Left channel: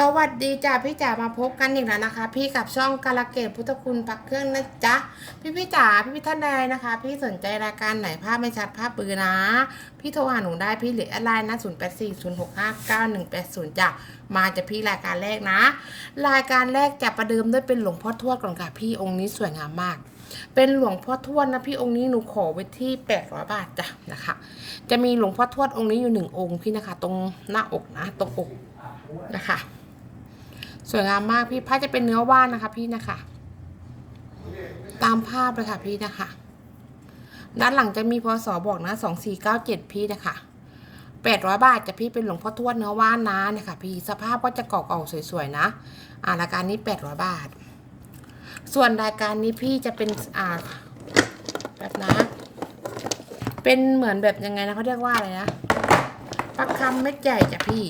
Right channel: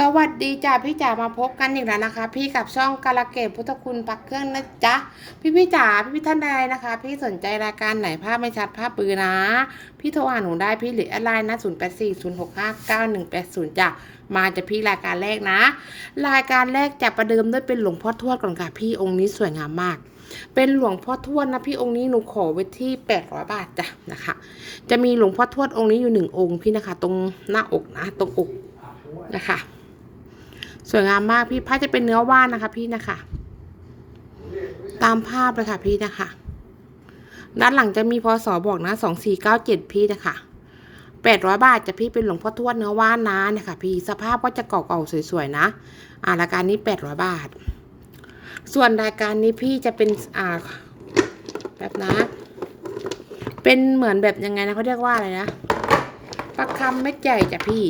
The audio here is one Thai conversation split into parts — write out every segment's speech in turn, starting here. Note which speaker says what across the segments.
Speaker 1: สวัสดีจ้าพี่จ๋ามาพบกันอีกแล้วนะคะ พี่กับช่องกาลเกตพุทธคุณปักเครื่องนะจ๊ะพี่พี่จ๋าพี่พี่ท่านใดนะคะ พี่สนใจรายการไหนภาพไม่ชัดภาพปืนนะ พี่โทรหาหนูได้พี่หรืออะไรนะศูนย์แอดไลน์นะ0 8 4 0 6 5 9 1 8 0จ้ะมาจะพี่รายการแรกนะ รายการแรกจะประเดิมด้วยเป็นหลวงพ่อทวดก่อนค่ะพี่องค์นี้สวยงามมาก เป็นหลวงพ่อทวดนะพี่องค์นี้หนูขอไว้ที่800บาทจ้ะนะคะ จะมีหลวงพ่อทวดองค์นี้อยู่หนึ่งองค์พี่นะคะ ตรงหน้าอกนะ ตรงอกนะคะ สวยงามมากพี่ผ้าจะเป็นเนื้อว่านนะคะ พี่นะคะ ตามภาพเลยค่ะพี่นะคะ ด้านหลังจะมีพศบอกนะสองสี่เก้าเจ็ดพี่นะคะแปดร้อยบาทจะพี่เป็นหลวงพ่อทวดเนื้อว่านนะนี่ยค่ะพี่สภาพก็จะเก่าๆสวยๆนะ อ่ารายการนี้แปดร้อยบาท ส่วนรายการนี้พี่จะเป็นอ่าแบบนะ เป็นเหมือนแบบยังไงนะเขาเรียกว่าอะไรนะประคำเม็ดใหญ่จ้ะพี่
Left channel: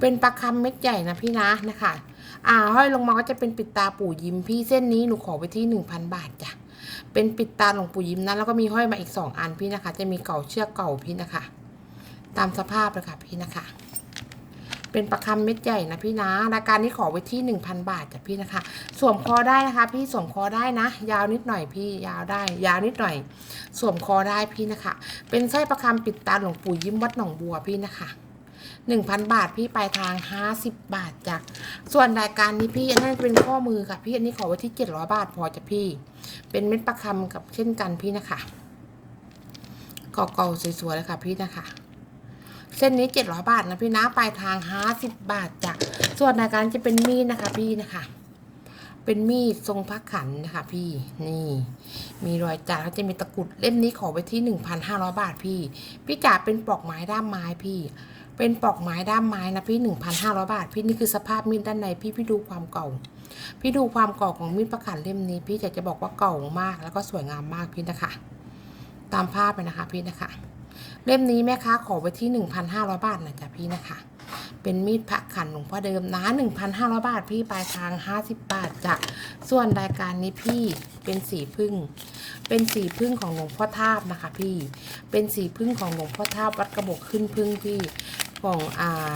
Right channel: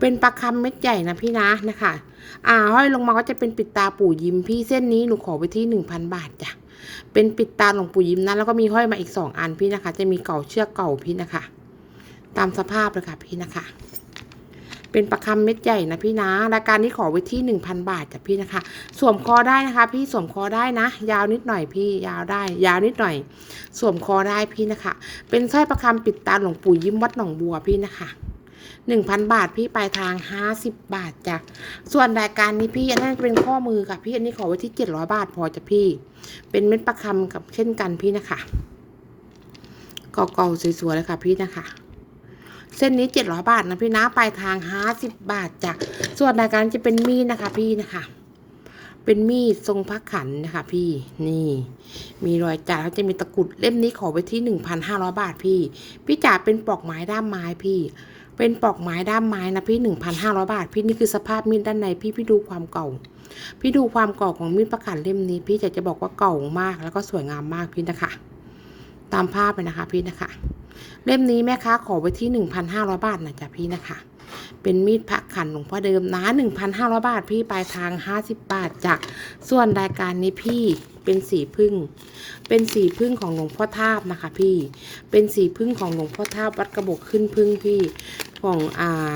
Speaker 1: เป็นปลาคำเม็ดใหญ่นะพี่นะนะคะ อ่าห้อยลงมาก็จะเป็นปิดตาปู่ยิ้มพี่เส้นนี้หนูขอไปที่หนึ่งพันบาทจ้ะ เป็นปิดตาหลวงปู่ยิ้มนะแล้วก็มีห้อยมาอีกสองอันพี่นะคะ จะมีเก่าเชือกเก่าพี่นะคะ ตามสภาพเลยค่ะพี่นะคะ เป็นประคำเม็ดใหญ่นะพี่นะรายการนี้ขอไว้ที่หนึ่งพันบาทจ้ะพี่นะคะ สวมคอได้นะคะ พี่สวมคอได้นะ ยาวนิดหน่อยพี่ยาวได้ ยาวนิดหน่อย สวมคอได้พี่นะคะ เป็นสร้อยประคำปิดตาหลวงปู่ยิ้มวัดหนองบัวพี่นะคะ หนึ่งพันบาทพี่ปลายทางห้าสิบบาทจ้ะส่วนรายการนี้พี่อันนั้นเป็นข้อมือค่ะ พี่อันนี้ขอไว้ที่เจ็ดร้อยบาทพอจ้ะพี่ เป็นเม็ดประคำกับเช่นกันพี่นะคะเก่าๆสวยๆเลยค่ะพี่นะคะ เส้นนี้เจ็ดร้อยบาทนะพี่นะปลายทางห้าสิบบาทจ้ะส่วนรายการจะเป็นมีดนะคะพี่นะคะเป็นมีดทรงพักขันนะคะพี่นี่ มีรอยจ่าแล้วจะมีตะกุดเล่มนี้ขอไปที่หนึ่งพันห้าร้อยบาทพี่ พี่จ๋าเป็นปลอกไม้ด้ามไม้พี่ เป็นปอกไม้ด้ามไม้นะพี่หนึ่งพันห้าร้อยบาท พี่นี่คือสภาพมีดด้านในพี่พี่ดูความเก่า พี่ดูความเก่าของมีดประกันเล่มนี้ พี่อยากจะบอกว่าเก่ามาก แล้วก็สวยงามมากพี่นะคะ ตามภาพไปนะคะพี่นะคะ เล่มนี้แม่ค้าขอไว้ที่หนึ่งพันห้าร้อยบาทนะจ๊ะพี่นะคะ เป็นมีดพักขันหลวงพ่อเดิมนะหนึ่งพันห้าร้อยบาทพี่ปลายทางห้าสิบบาทจากส่วนรายการนี้พี่เป็นสีพึ่ง เป็นสีพึ่งของหลวงพ่อทาบนะคะ พี่ เป็นสีพึ่งของหลวงพ่อทาบวัดกระบอกขึ้นพึ่งพี่ของอ่า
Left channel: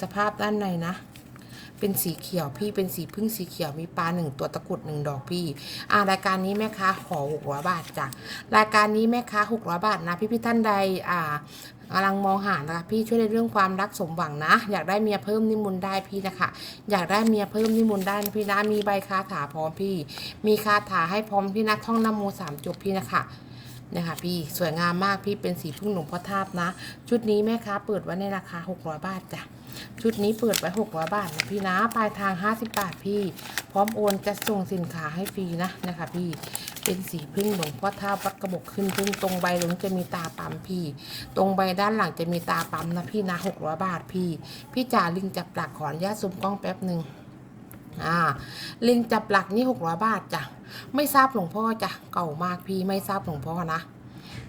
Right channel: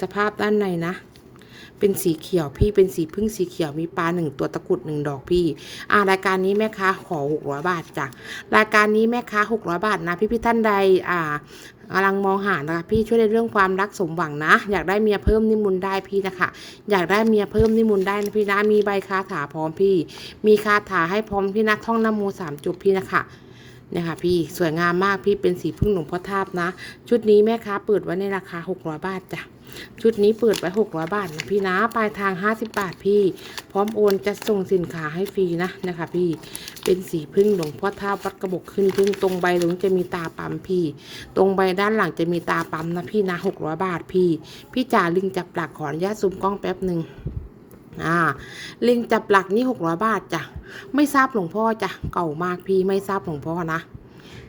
Speaker 1: สภาพด้านในนะ เป็นสีเขียวพี่เป็นสีพึ่งสีเขียวมีปลาหนึ่งตัวตะกรุดหนึ่งดอกพี่อ่ารายการนี้แม่ค้าขอหกร้อยบาทจ้ะรายการนี้แม่ค้าหกร้อยบาทนะ พี่พี่ท่านใดอ่ากำลังมองหานะคะพี่ช่วยในเรื่องความรักสมหวังนะ อยากได้เมียเพิ่มนิมนต์ได้พี่นะคะ อยากได้เมียเพิ่มนิมนต์ได้นะพี่นะมีใบคาถาพร้อมพี่ มีคาถาให้พร้อมพี่นะท่องนโมสามจบพี่นะคะ เนี่ยค่ะพี่สวยงามมากพี่เป็นสีพึ่งหลวงพ่อทาบนะ ชุดนี้แม่ค้าเปิดไว้ในราคา 600 บาทจ้ะชุดนี้เปิดไว้ 600 บาทนะพี่นะปลายทาง 50 บาทพี่ พร้อมโอนจะส่งสินค้าให้ฟรีนะนะคะพี่เป็นสีพึ่งหลวงพ่อทาวัดกระบอกขึ้นพึ่งตรงใบหลงจะมีตาปั๊มพี่ ตรงใบด้านหลังจะมีตาปั๊มนะพี่นะ 600 บาทพี่ พี่จ่าลิงจับหลักขออนุญาตซูมกล้องแป๊บหนึ่ง อ่าลิงจับหลักนี่600บาทจ้ะไม่ทราบหลวงพ่อจ้ะเก่ามากพี่ไม่ทราบหลวงพ่อนะ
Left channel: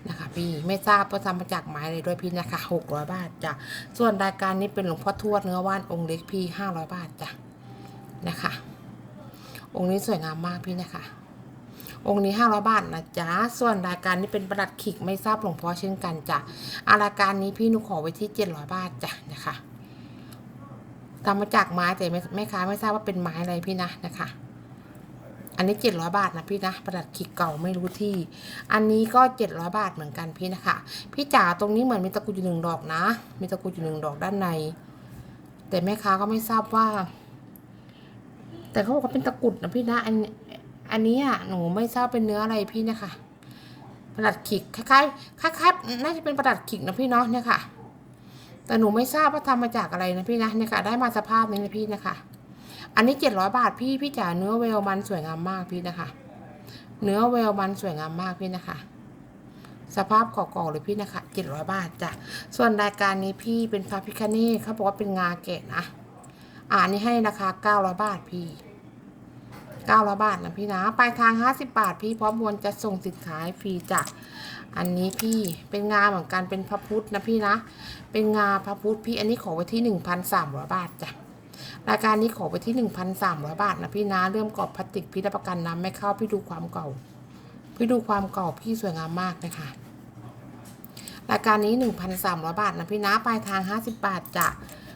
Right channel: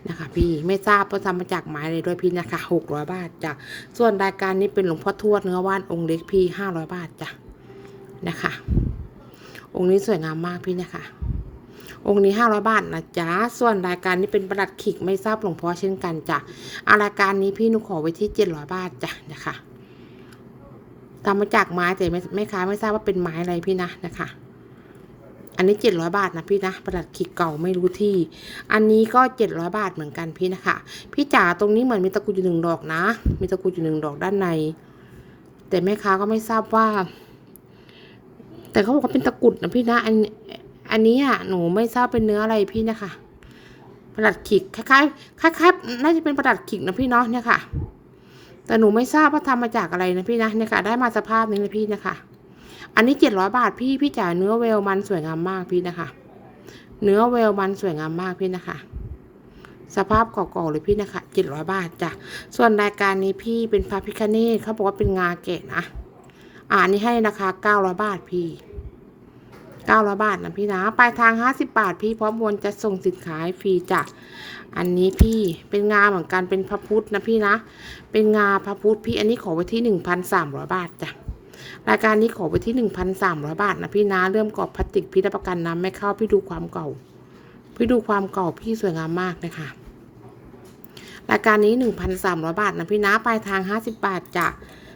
Speaker 1: นะคะพี่ไม่ทราบว่าทำมาจากไม้เลยด้วยพี่นะคะหกร้อยบาทจ้ะส่วนรายการนี้เป็นหลวงพ่อทวดเนื้อว่านองค์เล็กพี่ห้าร้อยบาทจ้ะนะคะ องค์นี้สวยงามมากพี่นะคะ องค์นี้ห้าร้อยบาทนะจ๊ะส่วนรายการนี้เป็นประดัดขิกไม่ทราบหลวงพ่อเช่นกันจ้ะอารายการนี้พี่นุขอไว้ที่เจ็ดร้อยบาทจ้ะนะคะ ทำมาจากไม้แต่ไม่ไม่ค้าไม่ทราบว่าเป็นไม้อะไรพี่นะนะคะ อันนี้เจ็ดร้อยบาทนะพี่นะประดัดขีดเก่าไม่รู้ที่ อันนี้ก็เจ็ดร้อยบาทเหมือนกันพี่นะคะ พี่จ๋าตรงนี้เหมือนมีตะกุดอยู่หนึ่งดอกนะ มีตะกุดอยู่หนึ่งดอกด้านใน แต่แม่ค้าก็ไม่ทราบว่า แต่เขาบอกว่าเป็นตะกุดนะพี่นะ อันอันนี้อะหนูไม่ทราบเป็นเนื้ออะไรพี่นะคะประดัดขิกคล้ายๆคล้ายๆน่าจะเป็นประดัดขิกนะพี่เนาะเนี่ยค่ะ แต่หนูไม่ทราบว่าทำมาจากอะไรนะพี่นะเนี่ยค่ะได้มาสภาพนี้นะพี่นะคะ อันนี้เจ็ดร้อยบาทพี่พี่จ๋าเนื้อเวลมันสวยงามมากพี่นะคะ เนื้อเวลมันสวยงามมากพี่นะคะสภาพเก่าๆเลยพี่นะคะเจ็ดร้อยบาทจ้ะ ส่วนรายการนี้พี่เป็นพระพิคเนตเขาบอกว่าเป็นงาแกะนะ อ่านี่ให้ราคาเก้าร้อยบาทพี่ เก้าร้อยบาทนะพี่นะปลายทางห้าสิบบาท พี่พร้อมบนจะส่งสินค้าให้ฟรีจ้ะอันนี้พี่เป็นงาเหมือนกันเป็นพระพุทธนะพี่นะ เป็นงาพระพุทธพี่อันนี้ขอไว้ที่หนึ่งพันสามร้อยบาทจ้ะรายการนี้ขอไปที่หนึ่งพันสามร้อยบาทนะพี่นะ เริ่มกรอบพลาสติกพี่รับประกันน้ำไม่เข้าพี่ดูความเก่า พี่ดูความเก่าพี่สวยงามมากนะคะรายการนี้หนึ่งพันสามร้อยบาทนะพี่นะปลายทางห้าสิบบาทจ้ะ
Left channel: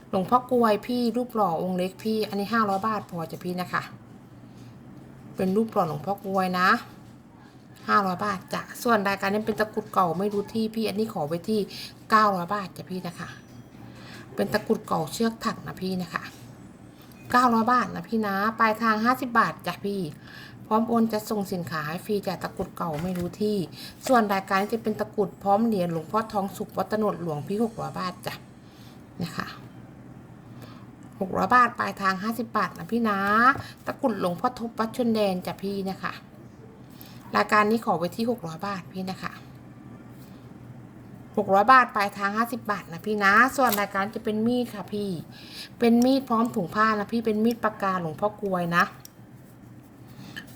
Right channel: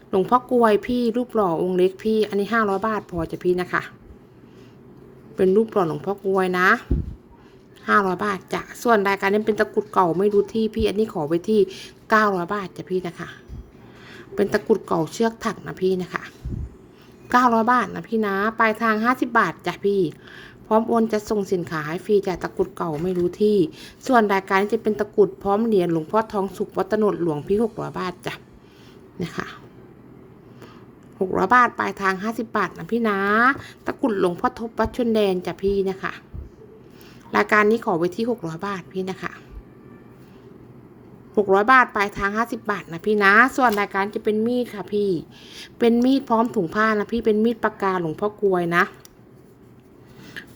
Speaker 1: หลวงพ่อกลวยพี่รูปหล่อองค์เล็กพี่อันนี้ห้าร้อยบาทพอจะพี่นะคะ เป็นรูปหล่อหลวงพ่อกลวยนะห้าร้อยบาทจ้ะส่วนรายการนี้เป็นตะกรุดเก่าไม่รู้ที่พี่อันนี้ขอไว้ที่เก้าร้อยบาทจ้ะพี่นะคะ เป็นตะกรุดเก่าเชือกถักนะพี่นะคะเก้าร้อยบาทนะพี่นะ ปลายทางห้าสิบบาทจ้ะพี่ พร้อมโอนจะส่งสินค้าให้ฟรีจากตะกรุดเก่าไม่รู้ที่ ส่วนรายการนี้จะเป็นตะกรุดพร้อมเหรียญหลวงพ่อทองสุขวัตโนดหลวงพี่หกร้อยบาทจ้ะนะคะ หกร้อยบาท ปลายทางห้าสิบบาทนะพี่นะ ตะกุดหลวงพ่อทบวัดชนแดนจ้ะพี่นะคะ รายการนี้ขอไว้ที่หกร้อยบาทพี่นะคะหกร้อยบาท ปลายทางห้าสิบบาทนะพี่นะ ส่วนรายการจะเป็นมีดค่ะพี่ เป็นมีดพร้อมถุงผ้านะพี่เป็นมีดปากกาหลวงพ่อกลวยนะ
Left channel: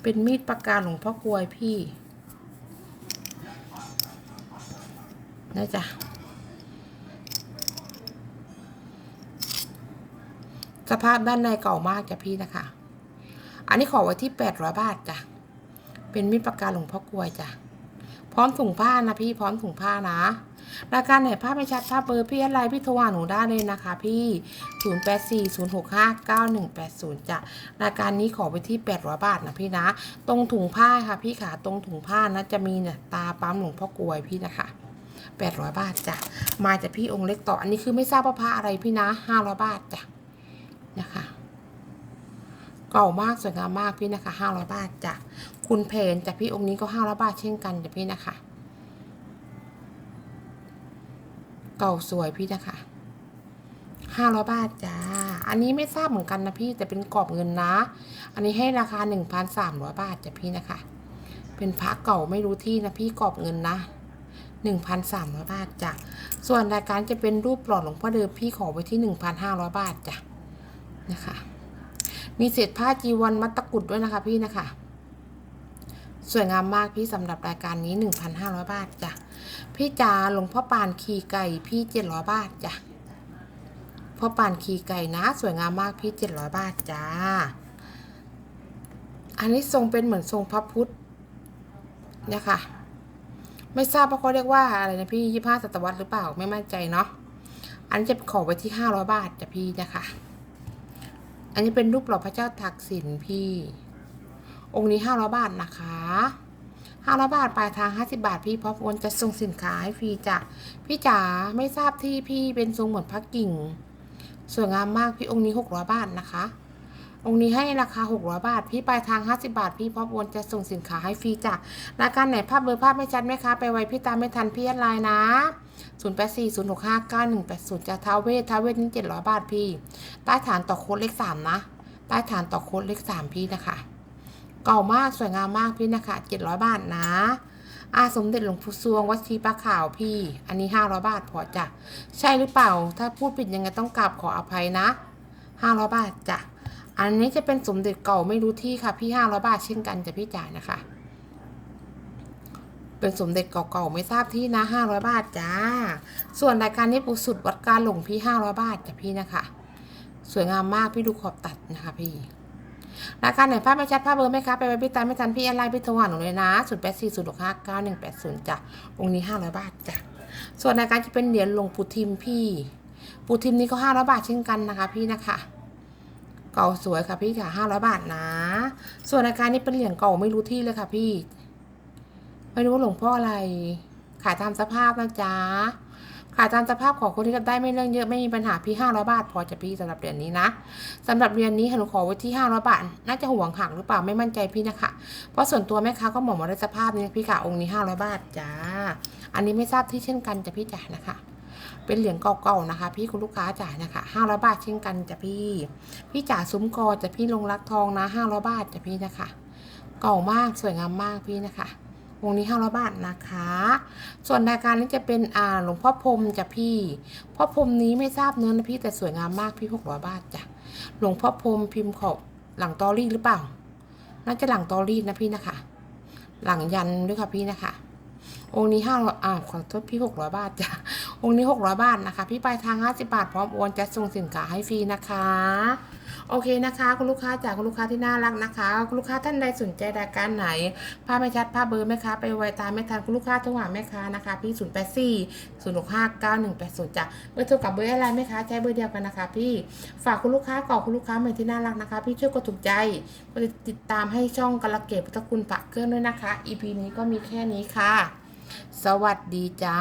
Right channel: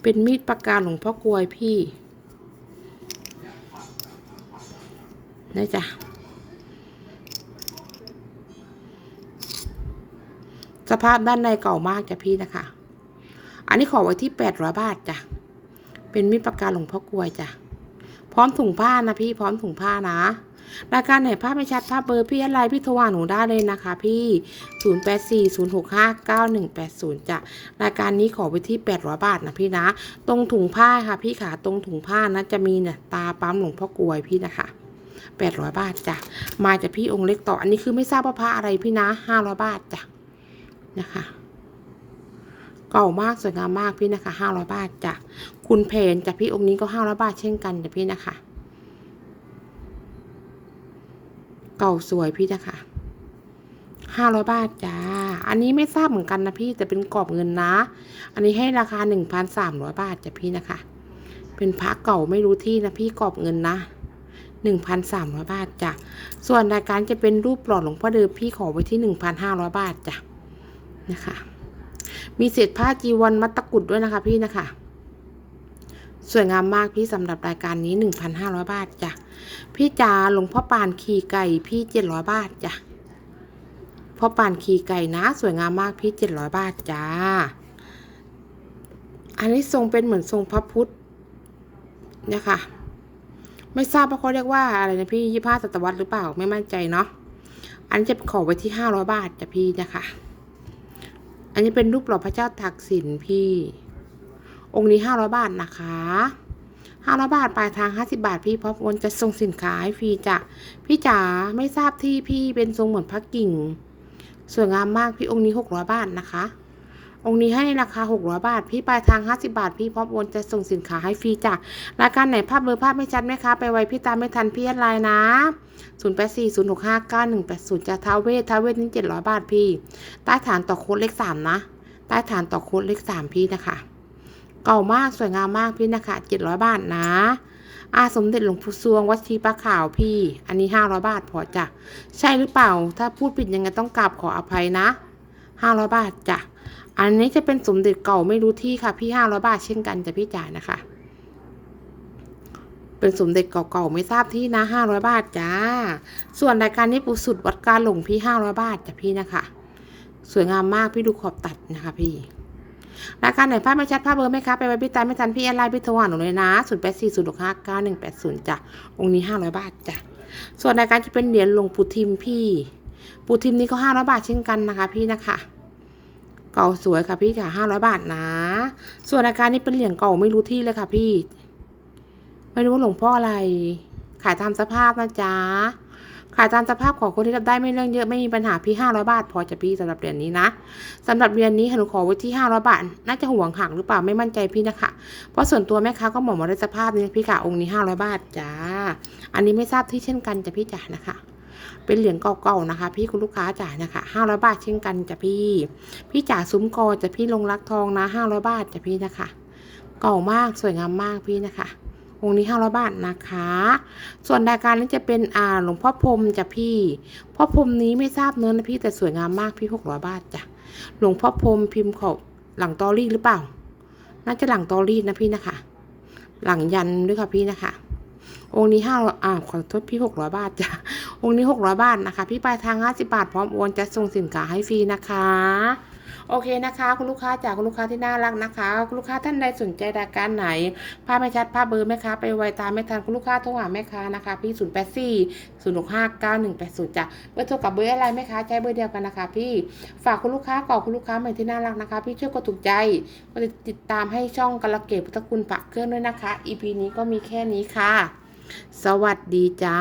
Speaker 1: เป็นมีดปากกาหลวงพ่อกลวยพี่นี่จ้ะ สภาพด้านในเก่ามากจ้ะพี่นะคะ อันนี้ขอไว้ที่แปดร้อยบาทจ้ะ เป็นมีดปากกาหลวงพ่อกลวยจ้ะ พร้อมถุงผ้านะพี่ พร้อมถุงผ้านะ รายการไหนภาพไม่ชัดภาพเบอร์พี่อะไรพี่โทรหาหนูได้เลยนะคะ พี่ 0 8 4 0 6 5 9 1 8 0จ้ะ รายการนี้ขอไปที่800บาทนะพี่นะ ตรงถุงผ้าค่ะ พี่ขาตรงถุงผ้านะจะมีเนี่ยตาปั๊มหลวงพ่อกลวยพี่นะคะ800 บาทจ้ะ มาจากพี่องค์เล็กต่อ อันนี้คือไม่ทราบว่าพระอะไรพี่นะ500บาทจ้ะ นะคะเก่ามากสวยงามมากพี่นะคะ500บาทจ้ะคุณเพนจากพี่องค์นี้ก็500บาทเช่นกันจ้ะพี่นะคะ เก่าสวยพี่นะคะห้าร้อยบาทจ้า อันนี้ไม่ทราบเหมือนกันนะพี่แต่เป็นกรอบเงินนะ อันนี้ให้ราคาหนึ่งพันสามร้อยบาทจ้ะพี่นะคะ เป็นพระเก่าไม่รู้ที่นะพี่กรอบเงินนะหนึ่งพันสามร้อยบาทจ้ะ ส่วนรายการจะเป็นรูปหล่อหลวงพ่อเดิมพี่ขอไว้ที่หนึ่งพันห้าร้อยบาทจ้ะ นะคะ มีเศษผ้าจีวรมัดตะกุดด้วยนะคะพี่นะคะ สวยงามมากพี่สำหรับรายการนี้หนึ่งพันห้าร้อยบาทจ้ะ พี่จ๋าหลวงพ่อปานขี่ไก่พี่เจ็ดร้อยบาทจ้ะพ่อปานขี่ไก่นะ สวยงามมากพี่เจ็ดร้อยบาทจ้า อันนี้ทรงเป็นเหมือนทรงพระพุทธเนี่ยค่ะไม่ทราบว่าเขาเรียกว่าอะไรนะพี่ยี่ห้าศตวรรษหรือเปล่าไม่มั่นใจเนาะ อันนี้จะขอไว้ที่ห้าร้อยบาทจ้ะพี่นะคะ อันนี้เป็นรูปหล่อพระเจ้าตากสินพี่ องค์นี้ห้าร้อยบาทนะคะห้าร้อยบาทปลายทางห้าสิบาทพี่พร้อมโอนจะส่งสินค้าให้ฟรีจ้ะพี่จ๋าไม่ทราบที่พี่เป็นทรงเหมือนพระกิ่งสวยงามมากพี่องค์นี้หกร้อยบาทนะคะ องค์นี้ให้ราคาหกร้อยบาท พี่ปลายทางห้าสิบาท พี่พร้อมโอนจะส่งสินค้าให้ฟรีจ้ะรายการไหนภาพเบอร์ภาพไม่ชัดไหมคะ ไปไวพี่ตามไม่ทันพี่อดไลน์นะศูนย์แปดสี่ศูนย์หกห้าเก้าหนึ่งแปดศูนย์จะท้าเวทท้าเวทนี่เจ็ดร้อยบาทพี่ ใต้ฐานต่อโค้ดเลขสามนะ ใต้ฐานต่อโค้ดเลขสามพี่นะคะ เก่ามากสวยงามมากพี่นะคะเจ็ดร้อยบาทนะอาสมเด็จหลวงปู่ซวงวัดชีปะขาวพี่ อันนี้ห้าร้อยบาทพอจ้ะ ใช่หรือเปล่า ถ้าพูดผิดยังไงต้องกราบขออภัยนะห้าร้อยบาทจ้ะ อันนี้จะเป็นสมเด็จเก่าไม่รู้ที่ค่ะ พี่ห้าร้อยบาทเช่นกันจะพี่จ๋ายนะคะ เป็นสมเด็จเก่าๆไม่ทราบที่นะห้าร้อยบาทจ้า ส่วนรายการนี้ปูสุดวัดการหลงพี่ห้าร้อยบาทจ้ะพี่นะคะ สวยงามมากพี่ดูขอบตัดนะคะพี่รายการไหนภาพไม่ชัดภาพเบอร์ไหมคะไปไว้พี่ตาไม่ทันพี่แอนไลพี่โทรหาหนูเลยนะศูนย์แปดสี่ศูนย์หกห้าเก้าหนึ่งแปดศูนย์จ้ะองค์นี้ห้าร้อยบาทจ้ะส่วนรายการจะเป็นเหรียญหลวงปู่ทิมพี่ ปู่ทิมนี่ก็ห้าร้อยบาทเช่นกันนะคะ พี่นะคะ เก่าสวยค่ะพี่ค่ะห้าร้อยบาทนะ ส่วนรายการนี้เป็นเหรียญเก่าไม่รู้ที่เลยค่ะพี่ ไม่รู้ว่าหลวงพ่ออะไร ขายตามสภาพนะจ๊ะ ขายตามสภาพของคนที่รับได้ไม่เรื่องเยอะไม่มีปัญหาพี่ห้าร้อยบาท พอจะพี่สำหรับเหรียญนี้นะสำหรับเหรียญนี้หนูขอไว้ที่ห้าร้อยบาท น่าจะห่วงหักหรือเปล่าไม่มั่นใจพี่นะคะ เพราะส่วนตัวแม่ค้าก็บอกมาได้สภาพนี้พี่ค่ะองค์นี้ห้าร้อยบาทจ้า อันนี้ไม่ทราบที่เช่นกันจะพี่จ๋านะคะ เป็นเหรียญเก่าๆนะคะ พี่คุณลูกค้าจ๋านะคะห้าร้อยบาทเช่นกันจ้ะพี่ พี่จ๋าซุ้มกอจะพี่ลงรักทองนะห้าร้อยบาทจ้ะพี่นะคะ เก่ามากสวยงามมากพี่นะคะองค์นี้ห้าร้อยบาทนะคะ ส่วนรายการนี้จะเป็นอ่าหลวงพ่อพรมจ้ะพี่พ่อพรมนี้ไม่ทราบเนื้อนะพี่แต่สวยงามมากพี่หกร้อยบาทจ้ะหลวงพ่อพรมพิมพ์เขาหลังตอรี่หรือเปล่า น่าจะหลังตอรี่นะพี่นะคะ หลังยันด้วยค่ะพี่นะคะ องค์นี้ห้าอ่าขอโทษพี่หกร้อยบาทจ้ะ วงนี้ 600 บาทนะคะ พี่ปลายทาง 50 บาท พร้อมโอนจะส่งสินค้าให้ฟรีนะคะ โอเคนะคะ คุณลูกค้าจากคุณลูกค้าที่น่ารักนะคะ คุณลูกค้าท่านใดสนใจรายการไหนภาพไม่ชัดภาพเบอร์แม่ค้าไปไวตามไม่ทันคุณลูกค้าโทรหาแม่ค้านะคะพี่0 8 4 0 6 5 9 1 8 0จ้ะเบอร์โทรกับเบอร์อะไรแม่ค้าใช้เบอร์เดียวกันนะคะ พี่ฝากคุณลูกค้าก่อนคุณลูกค้าใหม่ที่น่ารักนะคะ พี่ช่วยกดถูกใจกดติดตามให้ช่องกระเกตพุทธคุณปักเครื่องด้วยนะคะ EP นี้ก็มีแค่นี้ค่ะ สวัสดีจ้า